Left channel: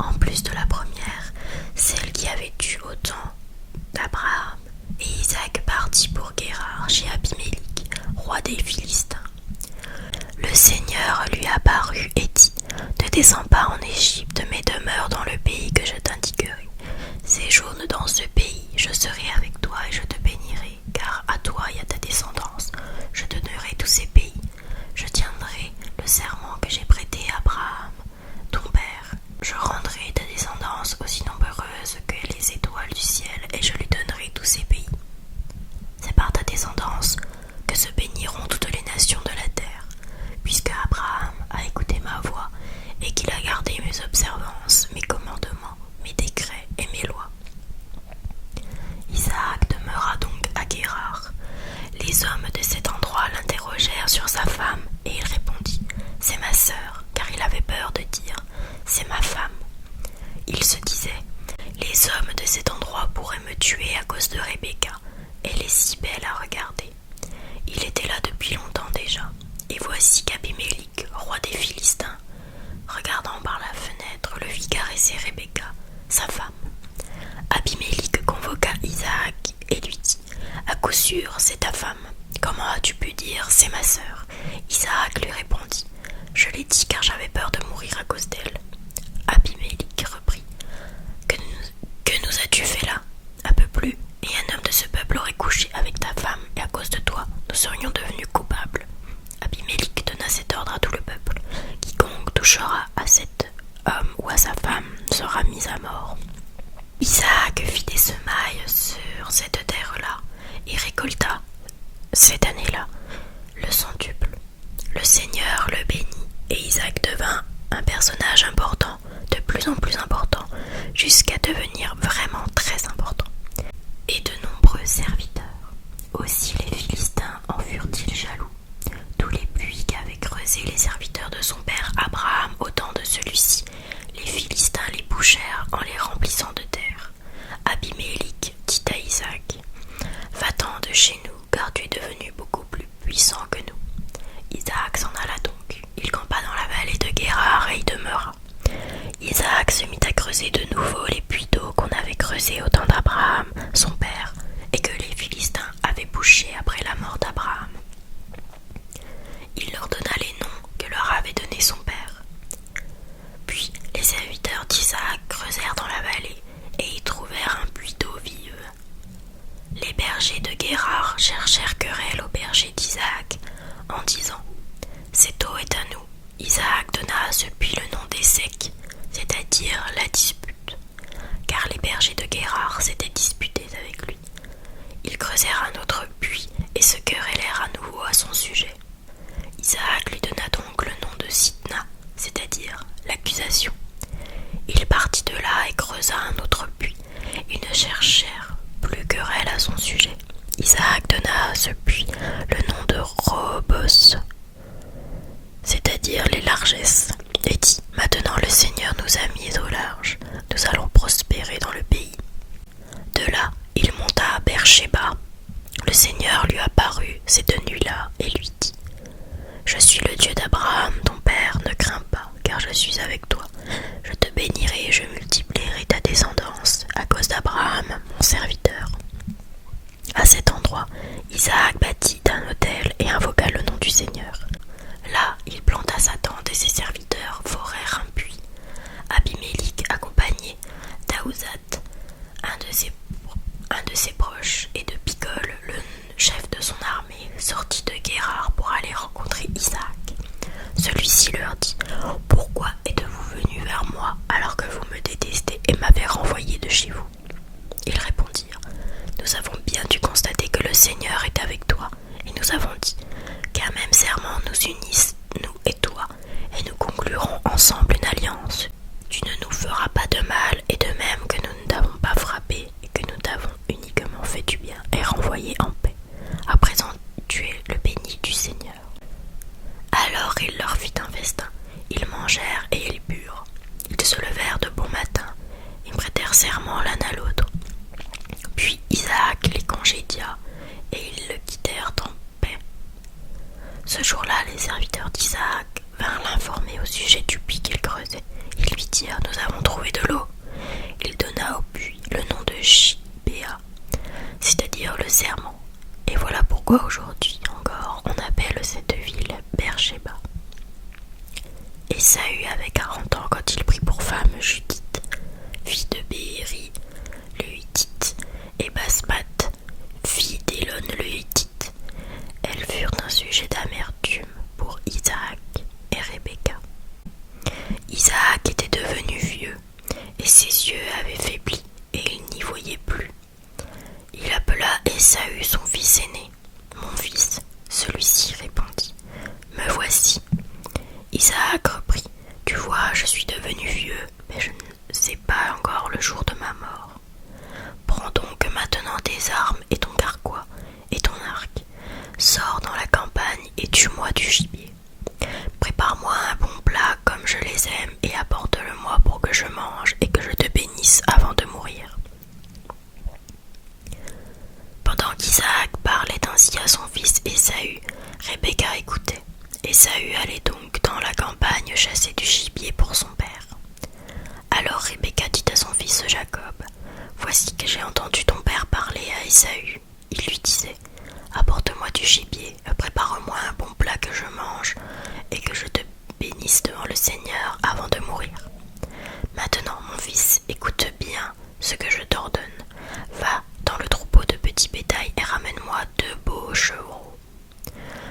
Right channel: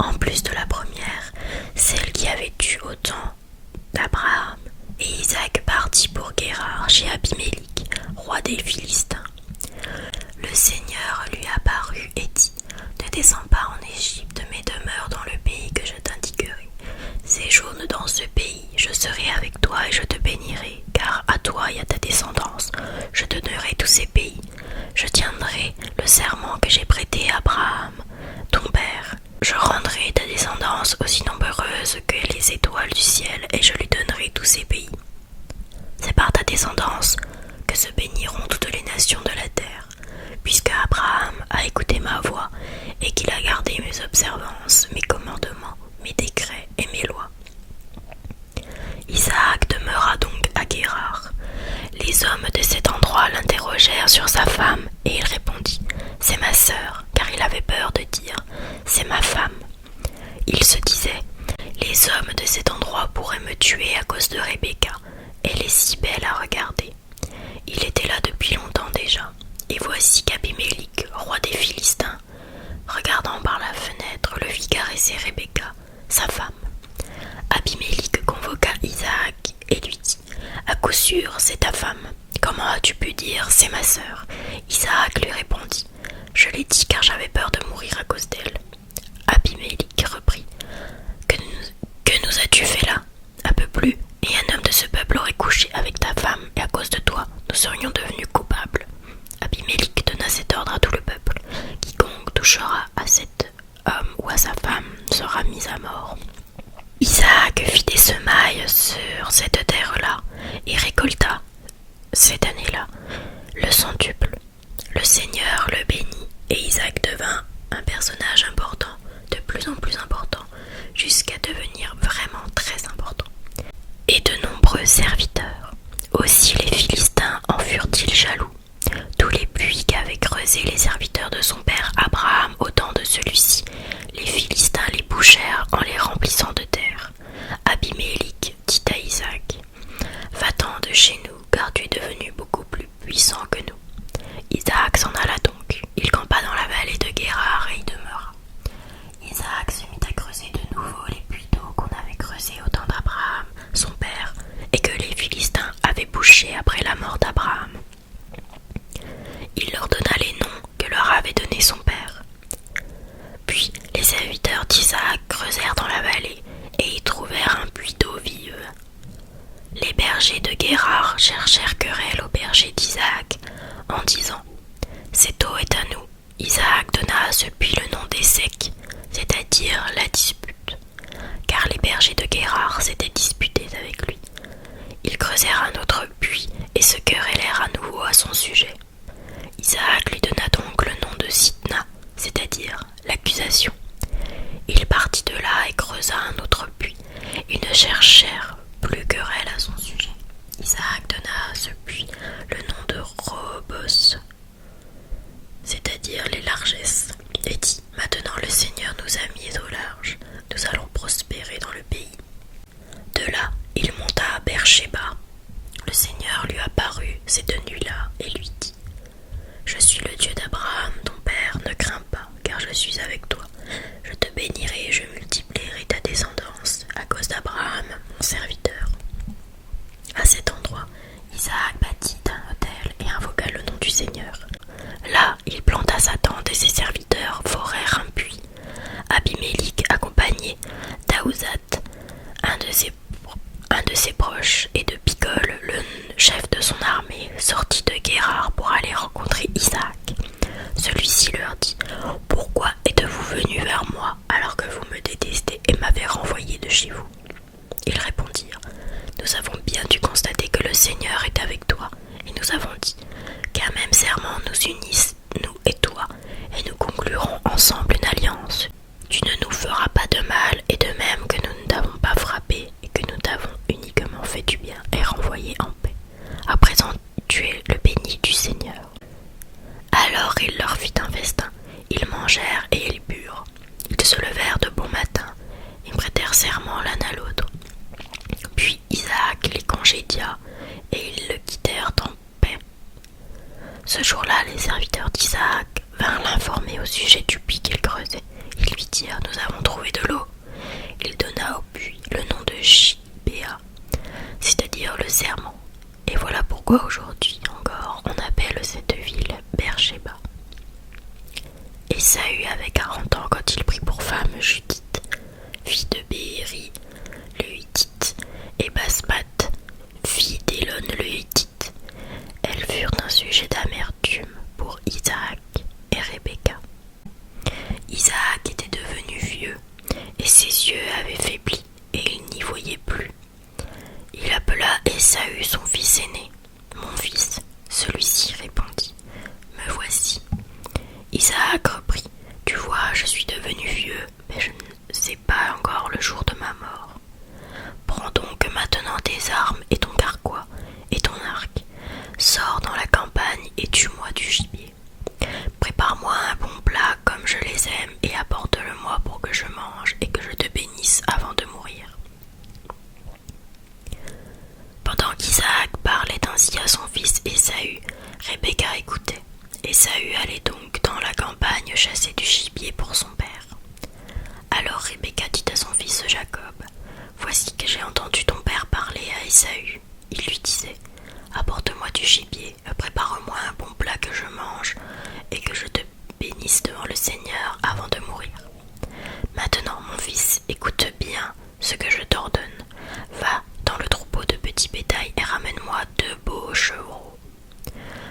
en plus de la première, celle qui avait eu autant d'Abraham. Et Isaac partit pour Guérar chez Abimélik, roi des Philistins. Le Seigneur lui apparut et dit: Ne descends pas en Égypte, mais demeure dans le pays que je t'indiquerai. Séjourne dans ce pays, je serai avec toi et je te bénirai, car à toi et à ta descendance, je donnerai tous ces pays. Je tiendrai le serment que j'ai prêté à Abraham, ton père. Je rendrai ta descendance aussi nombreuse que les étoiles du ciel, et je lui donnerai tous ces pays. C'est par ta descendance que se béniront toutes les nations de la terre, puisque Abraham a écouté ma voix et qu'il a gardé mes observances, mes commandements, mes décrets et mes lois. Isaac demeura donc à Guérar. Les hommes de cet endroit l'interrogèrent sur sa femme, et il répondit: C'est ma sœur, car il avait peur de dire: C'est ma femme. Il se disait: Les hommes de cet endroit pourraient me tuer à cause de Rebecca. Elle est si belle à regarder. Il était là depuis longtemps déjà, et voici qu'Abimélik, roi des Philistins, regardant par la fenêtre, le vit caresser Rebecca, sa femme. Abimélik convoqua Isaac et lui dit: À coup sûr, c'est ta femme. Comment as-tu pu dire: C'est ma sœur? Isaac lui répondit: Je l'ai dit car j'avais peur de mourir à cause d'elle. Abimélik reprit: Que nous as-tu fait là? Un peu plus, et un homme de ce peuple aurait couché avec ta femme, et à cause de toi, nous serions devenus coupables. Abimélik donna cet ordre à tout le peuple: Quiconque touchera à cet homme ou à sa femme sera mis à mort. Isaac fit des semailles sur cette terre-là et récolta, cette année-là, le centuple. Le Seigneur le bénit, et Isaac devint un personnage important, de plus en plus important, jusqu'à devenir vraiment très important. Et de nombreux serviteurs. Aussi les Philistins en furent-ils jaloux. Tous les puits qu'avaient creusés les serviteurs de son père Abraham au temps de celui-ci, les Philistins les bouchèrent en les remplissant de terre. Abimélik dit à Isaac: Va-t'en de chez nous, car tu es devenu beaucoup plus puissant que nous. Isaac s'en alla donc. Il campa dans la vallée de Guérar et y demeura. Isaac se mit à creuser de nouveau les puits d'eau qu'on avait creusés au temps d'Abraham, son père, et que les Philistins avaient bouchés après la mort d'Abraham. Il leur donna les noms que leur avait donnés son père. Puis les serviteurs d'Isaac creusèrent dans la vallée et y trouvèrent un puits d'eau vive. Les bergers de Guérar cherchèrent querelle aux bergers d'Isaac en disant: Cette eau est à nous. Isaac donna à ce puits le nom d'Essek, c'est-à-dire la dispute, car les bergers de Guérar s'étaient disputés avec lui. Ils creusèrent un autre puits et se querellèrent à nouveau à son sujet. Isaac lui donna donc le nom de Sitna, c'est-à-dire l'accusation. Il partit de là et creusa un autre puits. Ils ne cherchèrent plus querelle à son sujet. Isaac donna à ce puits le nom de Robos, c'est-à-dire les largesses, et dit: Maintenant le Seigneur nous a mis au large, nous allons prospérer dans le pays. De là, il monta à Beersheba. Le Seigneur lui apparut cette nuit-là et lui dit: Je suis le Dieu d'Abraham, ton père, ne crains pas, car je suis avec toi. Je te bénirai et je multiplierai ta descendance, à cause d'Abraham, mon serviteur. À cet endroit, Isaac bâtit un autel et invoqua le nom du Seigneur. Là, il planta sa tente et ses serviteurs forèrent un puits. Abimélik, accompagné d'Aouzat, un de ses proches, et de Picol, le chef de son armée, sortit de Guérar pour aller rencontrer Isaac. Celui-ci leur dit: Pourquoi êtes-vous venus vers moi alors que vous me détestez et m'avez renvoyé de chez vous? Ils répondirent: Nous avons bien dû constater que le Seigneur est avec toi, et nous avons dit qu'un même serment nous unisse, nous et toi, et nous conclurons ensemble une alliance. Tu ne nous feras pas de mal, et de même que nous ne t'avons pas frappé et que nous t'avons uniquement fait du bien et renvoyé en paix. À présent, tu es le béni du Seigneur. Alors il leur fit un festin. Ils mangèrent et ils burent. Ils se levèrent de bon matin et prêtèrent serment l'un à l'autre. Puis Isaac les congédia et ils le quittèrent en paix. Ce jour-là, les serviteurs d'Isaac vinrent l'informer au sujet du puits qu'il creusait. Ils ils lui dirent « Nous avons trouvé de l'eau ». Il donna au puits le nom de Gibéa, c'est-à-dire le serment. Et voilà pourquoi aujourd'hui encore on appelle cette ville Beersheba. Ésaü avait 40 ans quand il prit pour femme Judith, fille de Béhéri le Hittite, et Basmath, fille d'Élon le Hittite. Elles furent un sujet d'amertume pour Isaac et Rebecca. Isaac était devenu vieux, et ses yeux avaient faibli, et il n'y voyait plus. Il appela Ésaü son fils aîné. « Mon fils », celui-ci répondit, « Me voici. » Isaac reprit, « Tu vois, je suis devenu vieux, mais je ne sais pas encore le jour de ma mort. Prends donc maintenant tes armes et ton carquois et ton arc. Sors dans la campagne et tue-moi du gibier. Prépare-moi un bon plat comme je les aime et apporte-le-moi pour que je mange et que je te bénisse avant de mourir. » Pendant qu'Isaac parlait ainsi à son fils Ésaü, Rebecca écoutait. Ésaü allait donc dans la campagne chasser du gibier pour son père. Alors Rebecca dit à son fils Jacob, « Voici que j'ai entendu ton père parler à Ésaü. Il lui disait, « Apporte-moi du gibier, prépare-moi un bon plat que je mange et que je te bénisse devant le Seigneur avant de mourir. Maintenant, mon fils, écoute bien ce que je t'ordonne. Va dans le troupeau de petits bétail et ramène-moi 2 beaux chevreaux.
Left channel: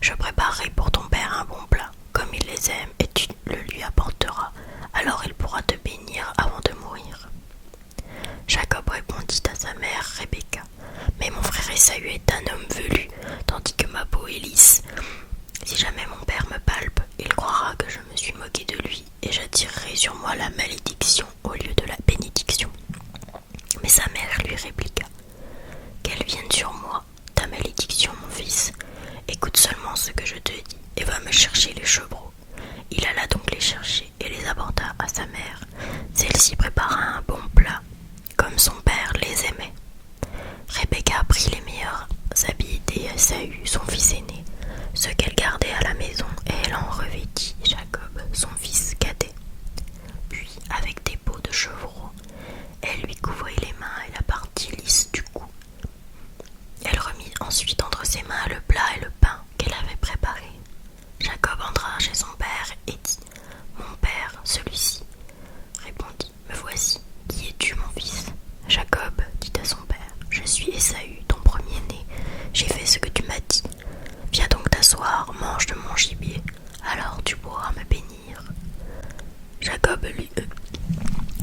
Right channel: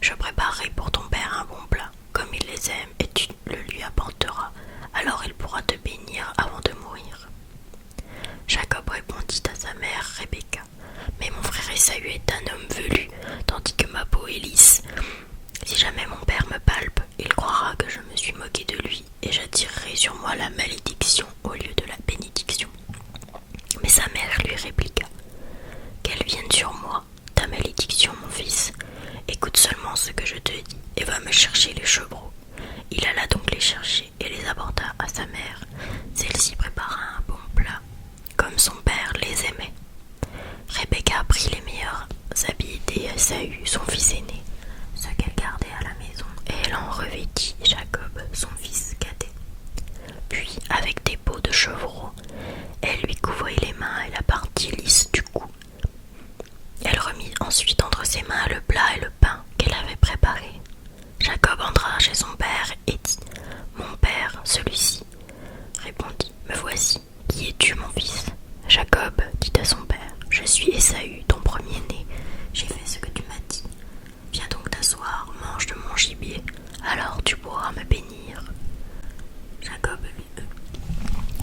Je préparerai pour ton père un bon plat, comme il les aime, et tu le lui apporteras. Alors il pourra te bénir avant de mourir. » Jacob répondit à sa mère Rebecca, « Mais mon frère Ésaü est un homme velu, tandis que ma peau est lisse. Si jamais mon père me palpe, il croira que je me suis moqué de lui, et j'attirerai sur moi la malédiction au lieu de la bénédiction. » Mais sa mère lui répliqua, « Qu'elle vienne sur moi, ta malédiction, mon fils. Écoute seulement ce que je te dis, et va me chercher les chevreaux. » Il alla donc les chercher et les apporta à sa mère. Celle-ci prépara un bon plat, comme son père les aimait. Rebecca prit les meilleurs habits d'Ésaü, son fils aîné, ceux qu'elle gardait à la maison, et elle en revêtit Jacob, son fils cadet. Puis, avec des peaux de chevreau, elle lui couvrit les mains et la partie lisse du cou. Elle remit ensuite entre ses mains le plat et le pain qu'elle avait préparé. Jacob entra chez son père et dit, « Mon père, celui-ci. » Répondit, « Me voici. Qui es-tu, mon fils ?» Jacob dit à son père, « Je suis Ésaü, ton premier-né. J'ai fait ce que tu m'as dit. Viens donc t'asseoir, mange de mon gibier, alors tu pourras me bénir. »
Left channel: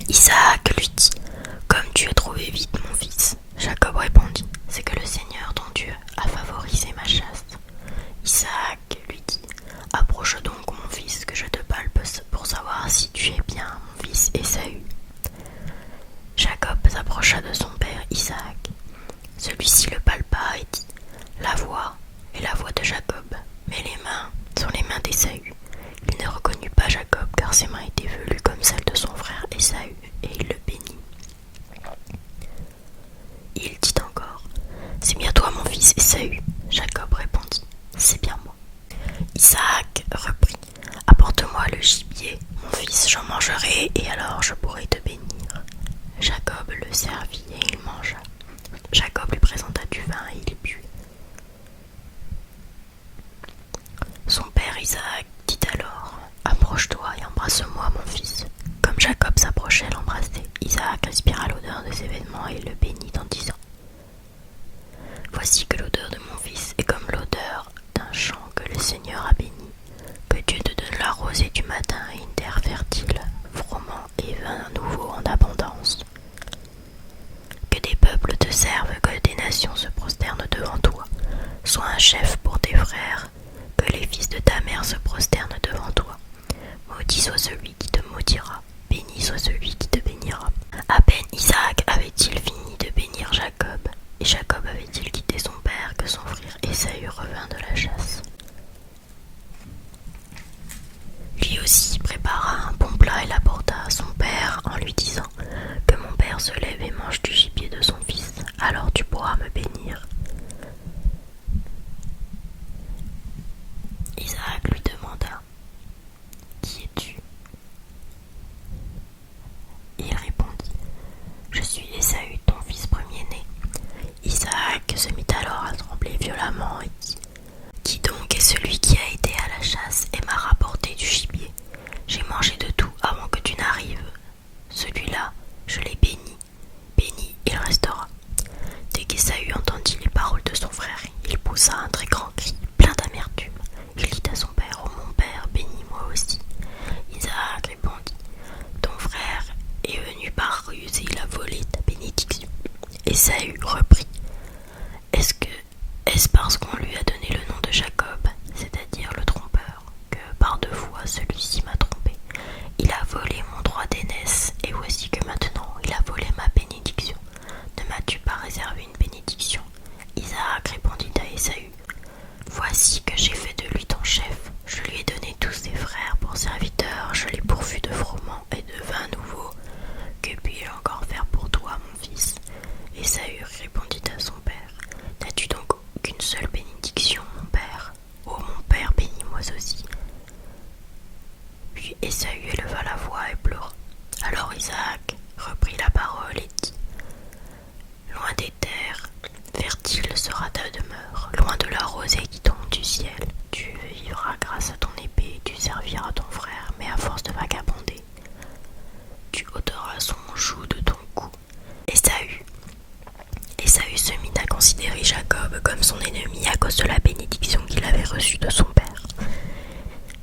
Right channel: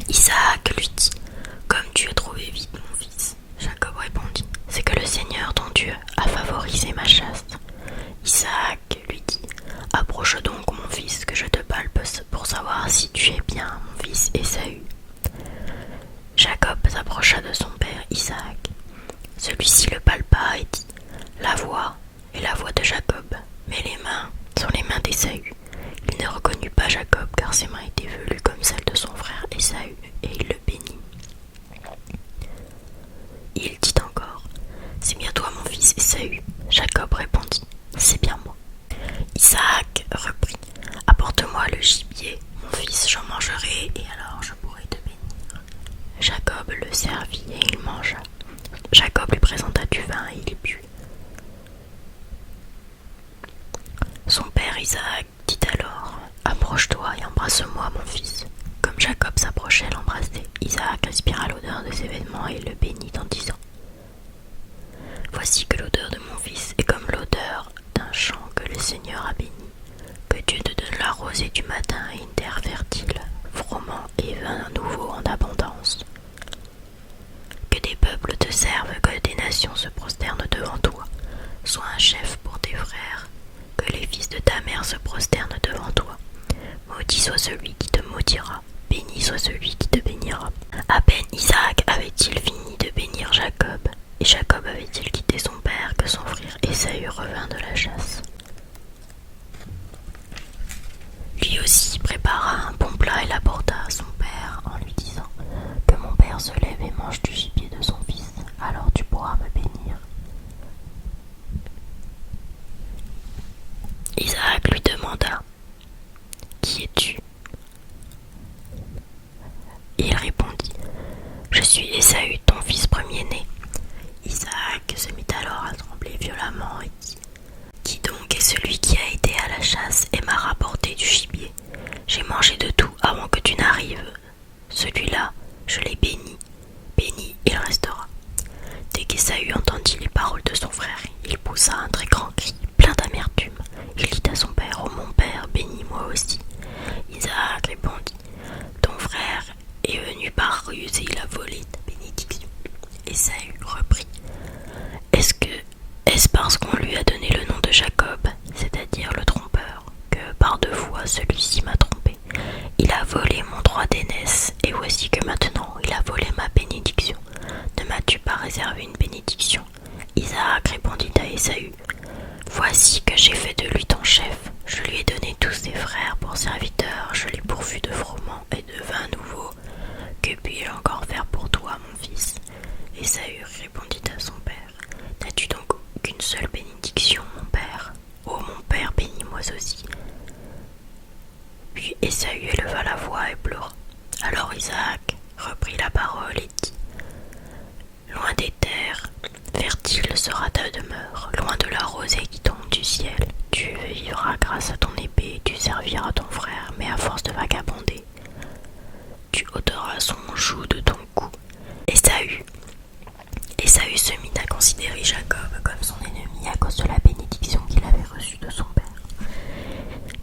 Isaac lui dit, « Comme tu es trouvé vite, mon fils. » Jacob répondit, « C'est que le Seigneur, ton Dieu, a favorisé ma chasse. » Isaac lui dit, « Approche donc, mon fils, que je te palpe pour savoir si tu es bien, mon fils Ésaü. » Jacob s'approcha de son père Isaac. Celui-ci le palpa et dit, « La voix est la voix de Jacob, mais les mains sont les mains d'Ésaü. » Il ne reconnut pas Jacob, car ses mains étaient velues comme celles de son frère Ésaü, et il le bénit. Il dit encore, « C'est bien toi, mon fils Ésaü. » Jacob répondit, « C'est bien moi. » Isaac reprit, « Apporte-moi le gibier, mon fils, j'en mangerai, et alors je pourrai te bénir. » Jacob le servit, et il mangea. Jacob lui présenta du vin, et il but. Son père Isaac dit alors, « Approche-toi et embrasse-moi, mon fils. » Comme Jacob s'approchait l'embrasser, Isaac respira l'odeur de ses vêtements et le bénit en disant, « Voici que l'odeur de mon fils est comme l'odeur d'un champ que le Seigneur a béni. Que Dieu te donne la rosée du matin et une terre fertile, froment et vin nouveau en abondance. Que des peuples te servent, que des nations se prosternent devant toi. Sois un chef pour tes frères, que les fils de ta mère se prosternent devant toi. Maudit soit celui qui te maudira, béni soit celui qui te bénira. » À peine Isaac avait-il fini de bénir Jacob, et Jacob avait-il quitté son père que son frère Ésaü revint de la chasse. Lui aussi prépara un bon plat et l'apporta à son père en lui disant, « Que mon père se lève et mange du gibier de son fils, alors tu pourras me bénir. » Isaac lui demanda, « Qui es-tu » Celui-là, je l'ai béni. Béni, il restera. » Dès qu'Ésaü entendit les paroles de son frère, il poussa un très grand cri, plein d'amertume. Il dit à son père: « Oh mon père, bénis-moi aussi. » Isaac répondit: « Ton frère est venu par ruse et il a volé ta bénédiction. » Ésaü reprit: « Est-ce parce qu'on lui a donné le nom de Jacob, c'est-à-dire le trompeur, que par 2 fois celui-ci m'a trompé? Il a volé mon droit d'aînesse, et voici que maintenant il a volé ma bénédiction. Ne m'as-tu pas réservé une bénédiction? » Isaac répondit à Ésaü: « Voici que j'ai fait de lui ton chef. Je lui ai donné tous ses frères pour serviteurs, je l'ai pourvu de froment et de vin nouveau. Que puis-je encore faire pour toi, mon fils? » Ésaü répondit à son père: « N'as-tu donc qu'une seule bénédiction, mon père? Oh mon père, bénis-moi aussi. » Puis Ésaü éleva la voix et pleura. Alors Isaac reprit la parole et dit: « Loin des terres fertiles sera ta demeure, loin de la rosée qui tombe du ciel. Tu vivras grâce à ton épée, tu serviras ton frère, mais à force de vagabonder, tu ôteras son joug de ton cou. » Ésaü se mit à considérer Jacob comme son ennemi à cause de la bénédiction qu'il avait reçue de son père.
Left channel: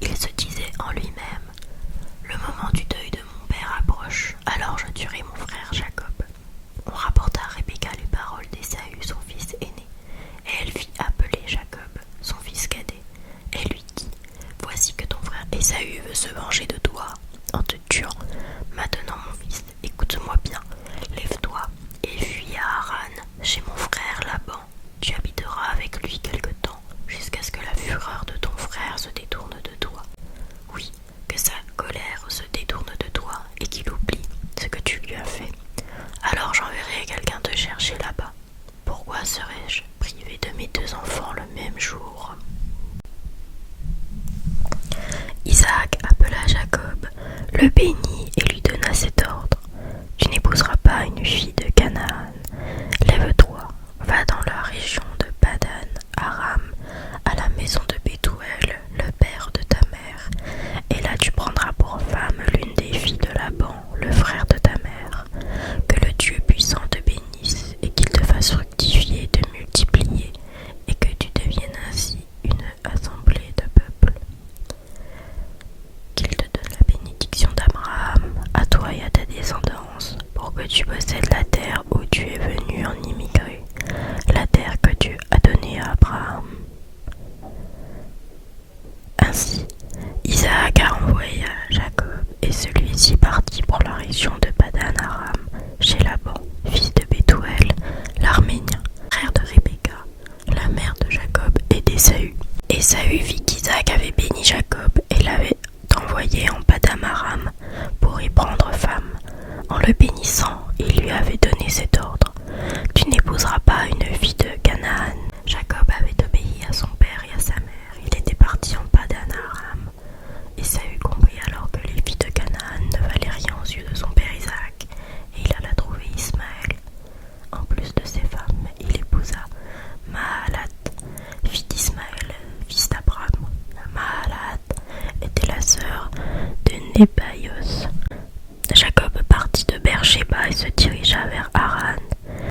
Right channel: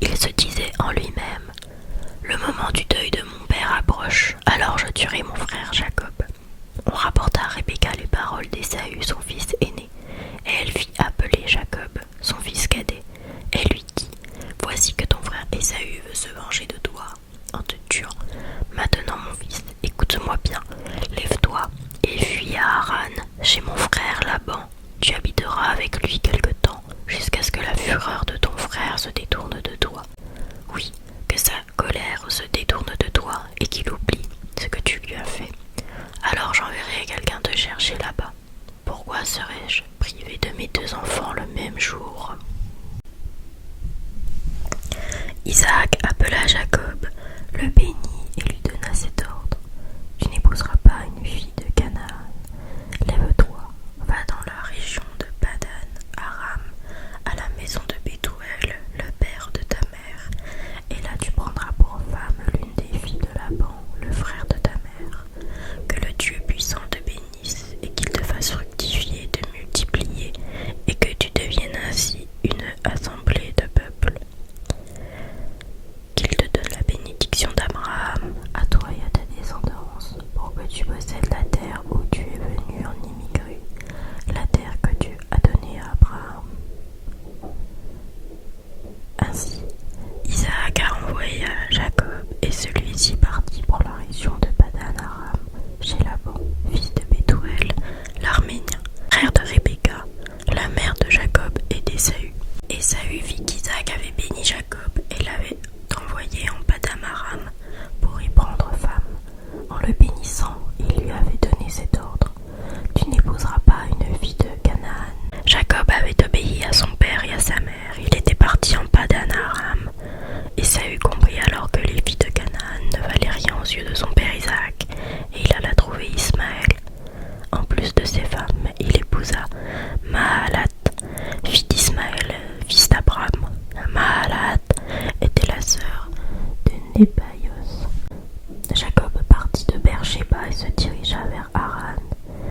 Il se disait en lui-même: « Le moment du deuil de mon père approche, alors je tuerai mon frère Jacob. » On rapporta à Rebecca les paroles d'Ésaü, son fils aîné, et elle fit appeler Jacob, son fils cadet. Elle lui dit: « Voici que ton frère Ésaü veut se venger de toi en te tuant. Maintenant, mon fils, écoute-moi bien. Lève-toi et fuis à Haran, chez mon frère Laban. Tu habiteras avec lui quelque temps, jusqu'à ce que la fureur de ton frère se détourne de toi. Oui, que sa colère se détourne de toi et qu'il oublie ce que tu lui as fait. Alors j'enverrai quelqu'un te chercher là-bas. Pourquoi serais-je privé de mes 2 enfants le même jour? » Isaac appela Jacob, le bénit et lui donna cet ordre: « Tu n'épouseras pas une fille de Canaan. Lève-toi, va dans la région de Padan Aram, à la maison de Bethuel, le père de ta mère, et là tu prendras pour femme l'une des filles de Laban, le frère de ta mère. Que le Dieu puissant te bénisse et qu'il te fasse fructifier et te multiplier, et que tu deviennes ainsi une assemblée de peuples. Qu'il te donne la bénédiction d'Abraham, à toi et à ta descendance, pour que tu possèdes la terre où tu es venu en immigrer, la terre que Dieu a donnée à Abraham. » Ainsi, Isaac a envoyé Jacob, et celui-ci partit pour la région de Padan Aram, chez Laban, fils de Bethuel, l'Arménien, frère de Rebecca, la mère de Jacob et d'Ésaü. Ésaü vit qu'Isaac avait béni Jacob et l'avait envoyé en Padan Aram pour y prendre femme. En le bénissant, il lui avait donné cet ordre: « Tu n'épouseras pas une fille de Canaan. » Jacob avait obéi à son père et à sa mère. Il était parti en Padan Aram. Ésaü comprit alors que les filles de Canaan ne valaient rien aux yeux de son père Isaac, et il alla trouver Ismaël. En plus de ses femmes, il épousa Mahalat, fille d'Ismaël, fils d'Abraham. Mahalat était la sœur de Nébaios. Jacob partit de Beer-Shéba et se dirigea vers Haran.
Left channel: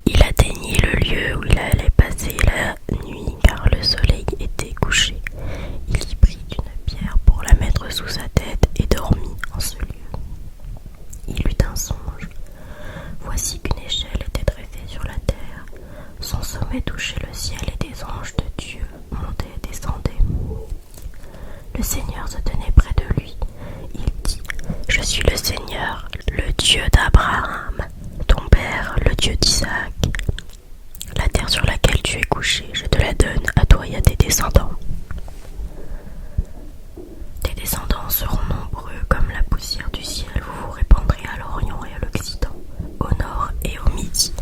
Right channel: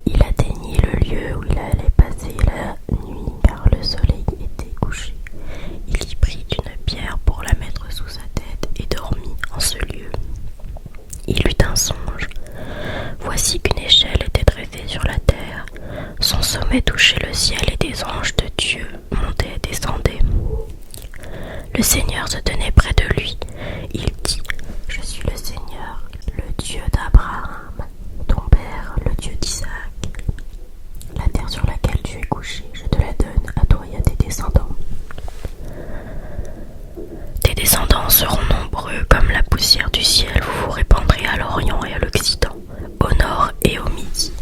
Il atteignit le lieu où il allait passer la nuit, car le soleil était couché. Il y prit une pierre pour la mettre sous sa tête et dormit en ce lieu. Il eut un songe. Voici qu'une échelle était dressée sur la terre. Son sommet touchait le ciel et des anges de Dieu montaient et descendaient. Le Seigneur se tenait près de lui. Il dit: « Je suis le Seigneur, le Dieu d'Abraham, ton père, le Dieu d'Isaac. La terre sur laquelle tu es couché, je te la donne à toi et à tes descendants. Tes descendants seront nombreux comme la poussière du ciel, vous vous répandrez à l'Orient et à l'Occident, au nord et au midi.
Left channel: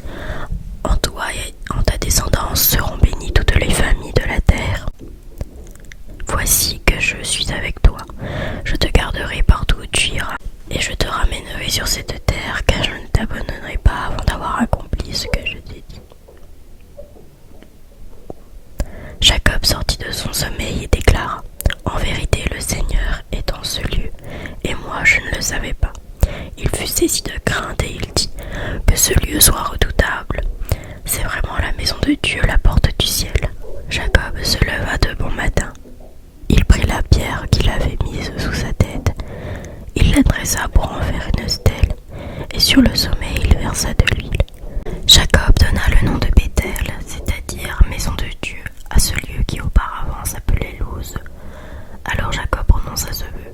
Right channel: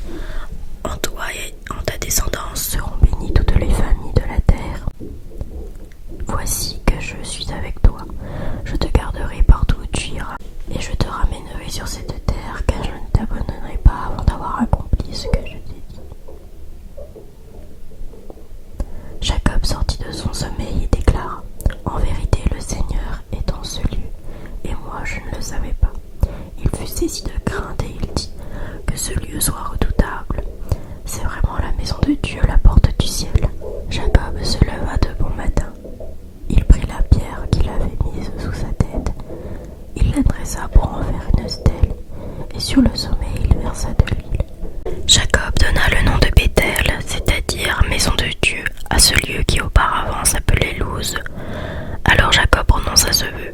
En toi et en ta descendance seront bénies toutes les familles de la terre. Voici que je suis avec toi, je te garderai partout où tu iras, et je te ramènerai sur cette terre, car je ne t'abandonnerai pas avant d'avoir accompli ce que je t'ai dit. » Jacob sortit de son sommeil et déclara: « En vérité, le Seigneur est dans ce lieu, et moi je ne le savais pas. » dressa pour en faire une stèle, et sur le sommet il versa de l'huile. Jacob donna le nom de Béthel, c'est-à-dire maison de Dieu, à ce lieu qui auparavant s'appelait Luz. Alors Jacob prononça ce vœu:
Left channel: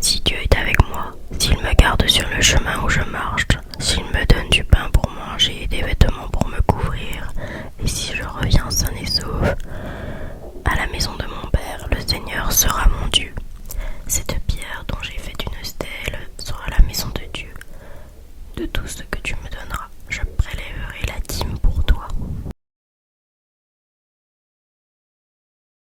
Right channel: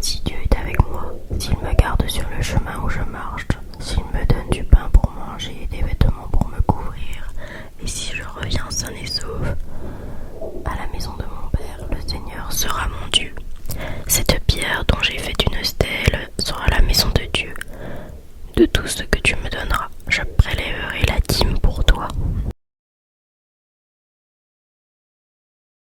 si Dieu est avec moi, s'il me garde sur le chemin où je marche, s'il me donne du pain pour manger et des vêtements pour me couvrir, et si je reviens sain et sauf à la maison de mon père, le Seigneur sera mon Dieu. Cette pierre dont j'ai fait une stèle sera la maison de Dieu. De tout ce que tu me donneras, je